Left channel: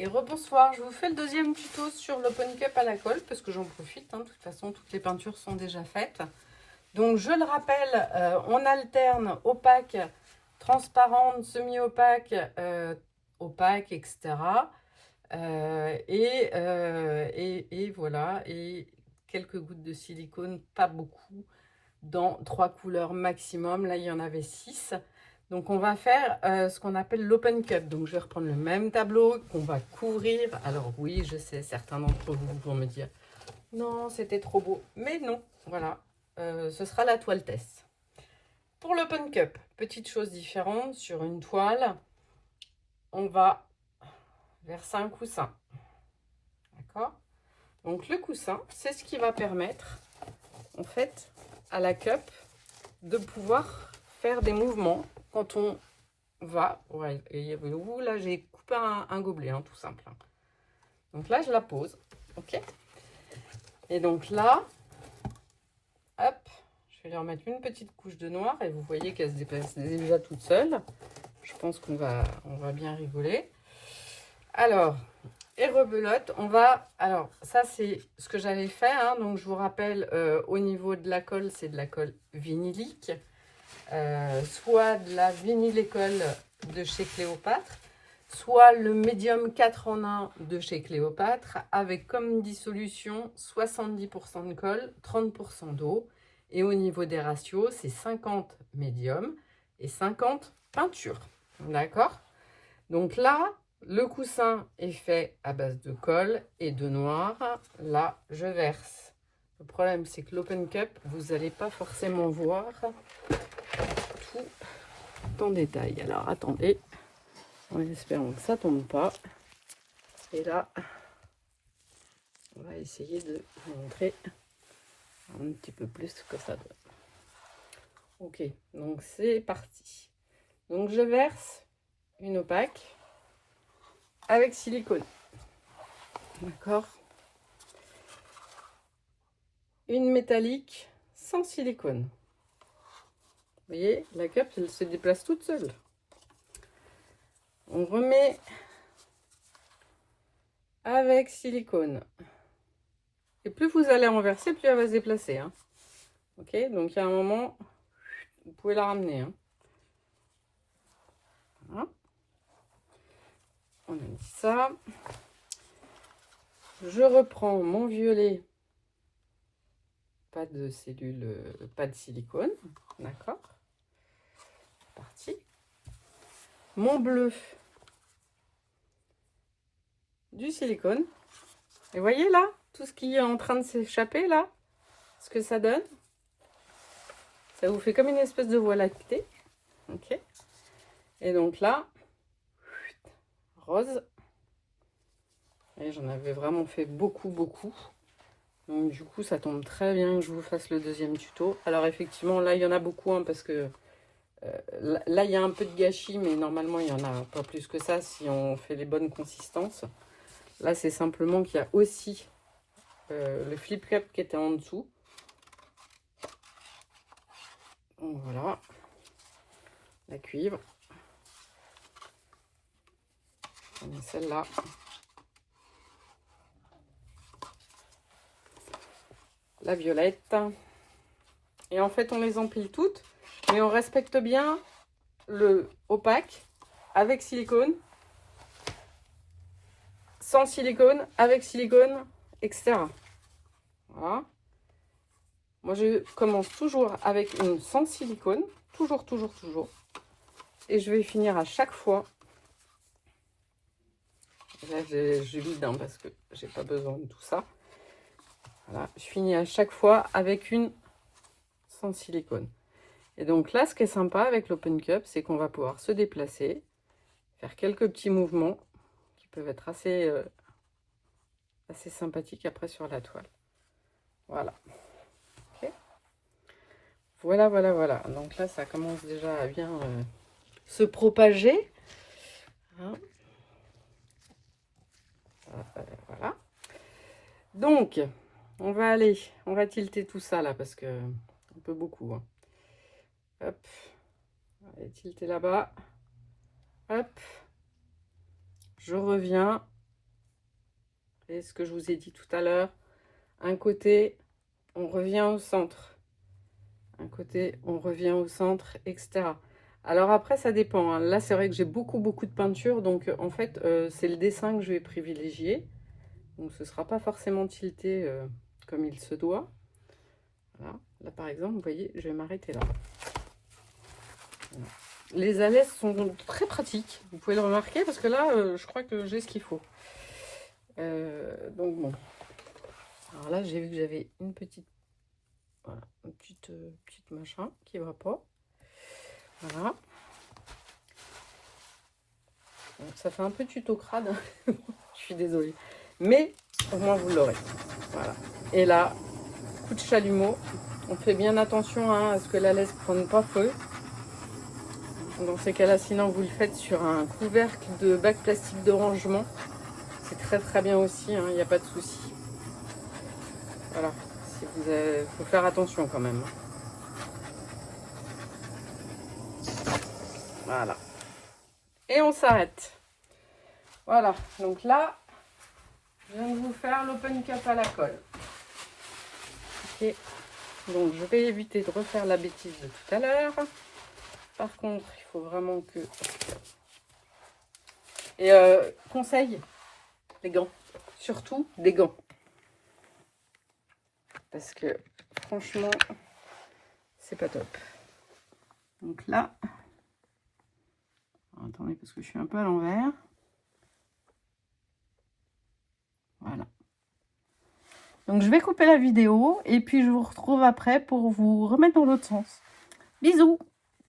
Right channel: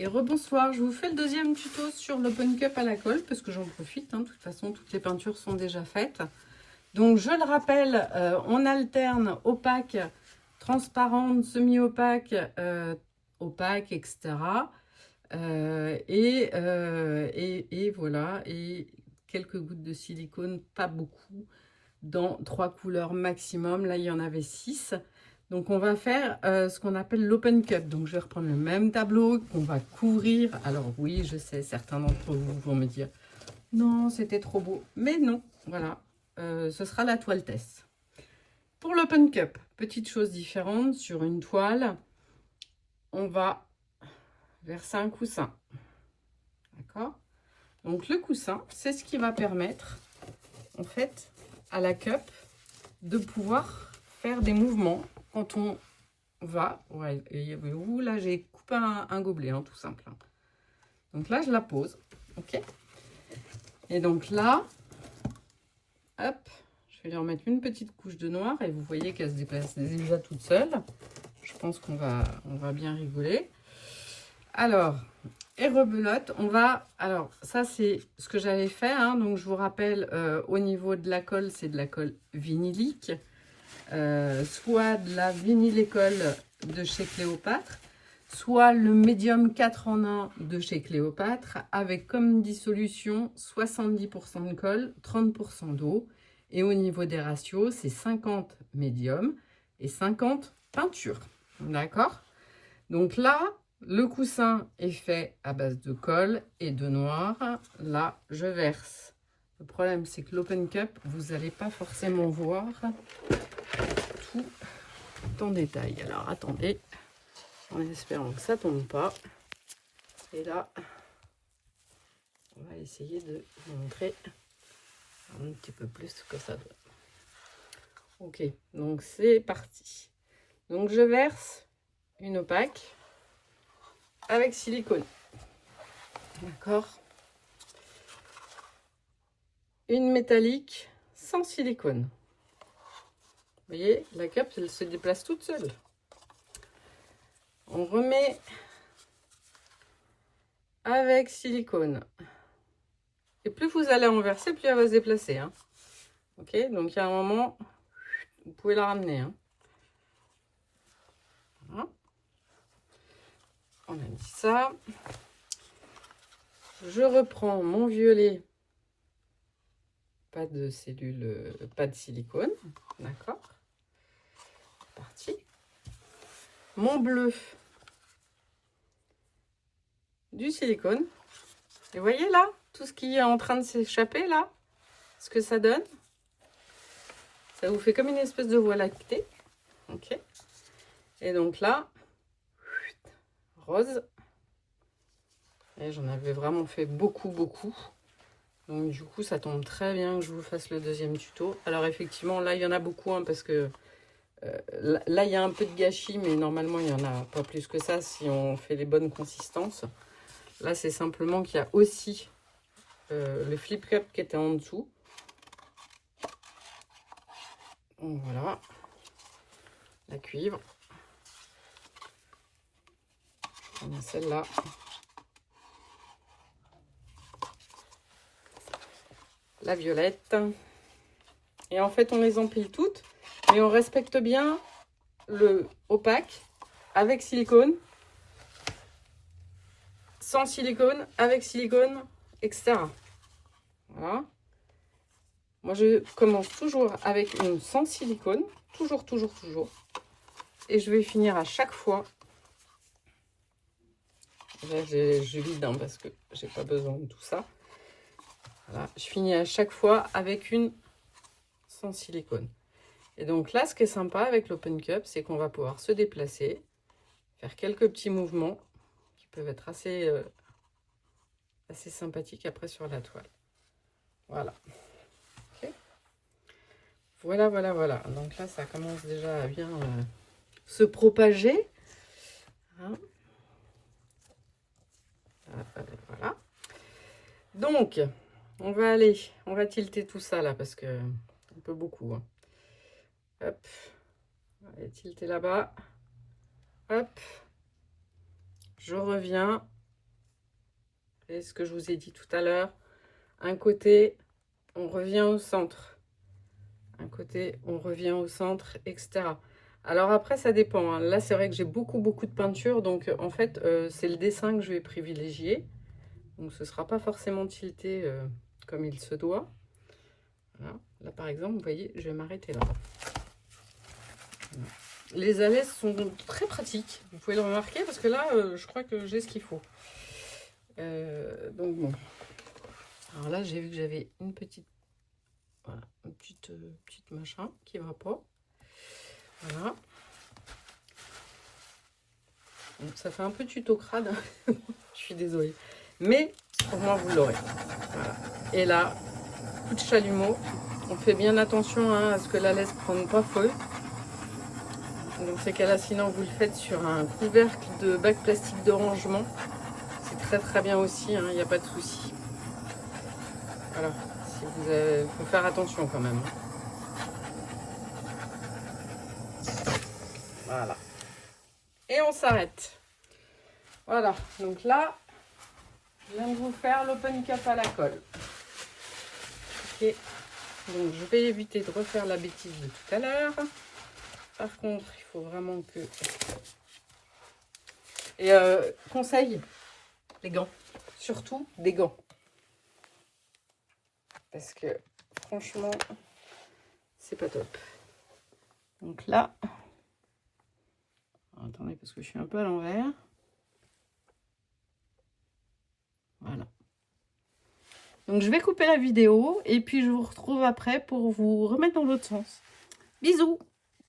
Et rebonsoir, je vous fais le deuxième tuto sur l'Open Cup à la colle parce que j'en profite, de toute façon toutes les peintures sont déjà faites. Donc je le rappelle, on alterne opaque, transparente, semi-opaque, opaque, etc. Et voilà, et quelques gouttes de silicone, pas beaucoup, dans 3 couleurs maximum. Là il y en avait 6. Donc on va faire ce qu'on appelle l'open cup. Donc je vais reprendre le même tableau qu'on va couvrir. Alors oui, je sais, certains d'entre vous vont me dire non, c'était trop beau. Mais non, voilà, ce sera la toile test. Pour l'open cup, petite chose différente, sur une toile, on va verser un coussin. D'accord? Donc le coussin, c'est ce qui va permettre, en fait, à la cup de pouvoir faire des mouvements quand on va, ouais, et là j'ai coupé un gobelet, tout simple. Donc là je la pose, ok. Et donc là, hop, je vais lui remettre une petite couche de noir et vous voyez qu'elle se déplace déjà toute seule. Je pense qu'on va bien rigoler. Alors, et rebelote, on va, alors ça c'est ce que j'avais fait, donc je vous rappelle, au niveau de la colle, c'est de la colle vinylique. Soit de la vinylécole de chez Cléopâtre, soit le médium 4 en 1 de chez Cléopâtre, avec comme dissolution 70% de colle, 30% d'eau. Et au niveau des ratios, c'est 50 médium et 50 peinture. D'accord? Donc là, le coussin est fait à base de colle et de noir. Là, je verse. Le problème, c'est que l'open cup, vous n'allez pas forcément voir tout en détail. Alors attendez, en espérant que ça tombe pas. Et là, on va essayer de vous montrer un petit peu plus ce que ça donne. Ok, donc c'est parti. Donc je verse une opaque avec silicone. D'accord. Une métallique sans silicone. Vous voyez, la cup, elle se déplace toute seule. On remet avec silicone. Et plus vous allez renverser, plus elle va se déplacer. Ok, donc il y a un moment, vous pouvez la ramener. Voilà. On a dit ça. Je reprends mon violet. Pas de cellules, pas de silicone. D'accord. C'est parti. Mon bleu. Du silicone. Et voyez là, tout ce qui est en train de s'échapper là, ce que ça donne. Ça vous fait comme une espèce de voie lactée. Ok. Et donc là, rose. Et j'en avais vraiment fait beaucoup. Donc du coup, ça tombe très bien que je vous fasse le deuxième tuto. Alors effectivement, là, il y en a beaucoup, parce que là, il y a un peu de gâchis, mais normalement, il n'y en a pas plus que ça si on fait les bonnes consistances. Là, c'est simplement qu'il y a aussi le flip cup qui était en dessous. Donc voilà, la cuivre. On a celle-là. La violette. Et en fait, on les empile toutes, mais on respecte bien le opaque avec silicone, sans silicone, avec silicone, etc. Voilà. Moi, je commence toujours avec une sans silicone, toujours. Et je vais finir à chaque fois. Là, je vide parce que j'ai pas besoin de tout ça. Voilà, je finis à chaque fois avec une sans silicone. Et donc là, ce qui est sympa avec l'open cup, c'est qu'on va pouvoir se déplacer, faire quelques petits mouvements qui peuvent être assez sympathiques après sur la toile. Voilà. Okay. Voilà. Donc là, ça commence déjà à bien se propager. Voilà. Donc, on va tilter tout ça là parce que un peu beaucoup. Hop, on va tilter là-bas. Hop, je reviens Et ce que je vous ai dit tout à l'heure, un côté, on revient au centre. Un côté, on revient au centre, etc. Alors après, ça dépend. Hein. Là, c'est vrai que j'ai beaucoup de peinture. Donc, en fait, c'est le dessin que je vais privilégier. Donc, ce ne sera pas forcément tilté comme il se doit. Voilà. Là, par exemple, vous voyez, je vais m'arrêter là. Voilà. Les alaises sont très pratiques. Vous pouvez le remarquer parce que là, je crois que j'ai ce qu'il faut. Donc, bon. Alors là, j'ai vu que j'avais une petite... Voilà, une petite machin qui va pas. Voilà. Bon, ça fait un peu tuto crade. Je suis désolée. Mais au moins vous l'aurez. Voilà. Et là, coup de chalumeau. On fait bien attention hein, à ce que la laisse ne prenne pas feu. Dans ces cas-là, sinon vous le faites sur un couvercle de bac plastique de rangement. C'est très bien aussi, il n'y a pas de souci. Voilà. Il faut faire attention quand même. Voilà. Et on s'arrête. Voilà. Donc là, je viens de vous faire l'open cap à la colle. Ok. Donc je vais éviter de refaire la bêtise de tout à l'heure. Par contre, il faut vraiment que... Et conseil, les gants. Surtout des gants. Parce que franchement, c'est pas top. Donc là... Alors, attendez, parce que je suis un peu à l'envers. Voilà. Donc je vais couper la vidéo et puis je vous retrouve après pour vous remettre dans l'autre sens. Bisous!